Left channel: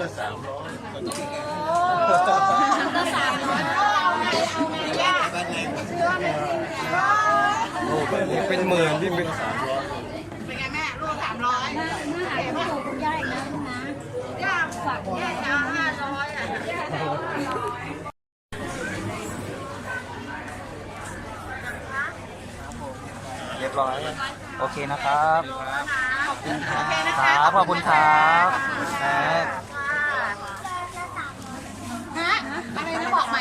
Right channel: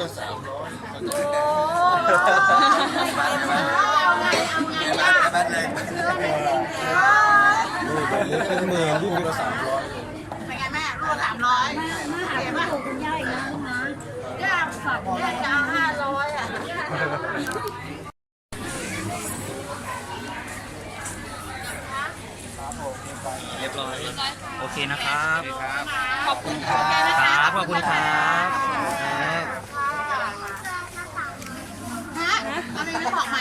ละสามร้อยเป็นหมื่นที่เป็นเป็นไงแม่ลูกสามร้อยเห็นป่ะคุณย่าอีกนะนะย่าฝักย่าจะเอาห้าร้อยอะเรียบร้อย โอเคนะครับครับครับ ขอบคุณครับ ฮะอะไรไม่บอกใหม่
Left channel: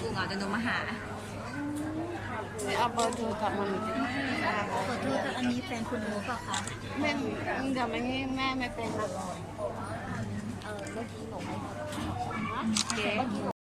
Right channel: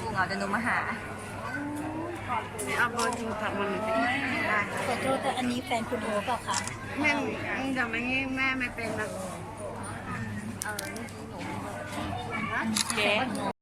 กูเหงาจะหนูมาหาเอาเบอร์โทรศัพท์มันสิขอโทษค่ะอันนี้แฟนคุณโอเปล่าคะแม่จำไม่งี้แม่ไม่เป็นนะเออเมื่อกี้หนูไม่บอก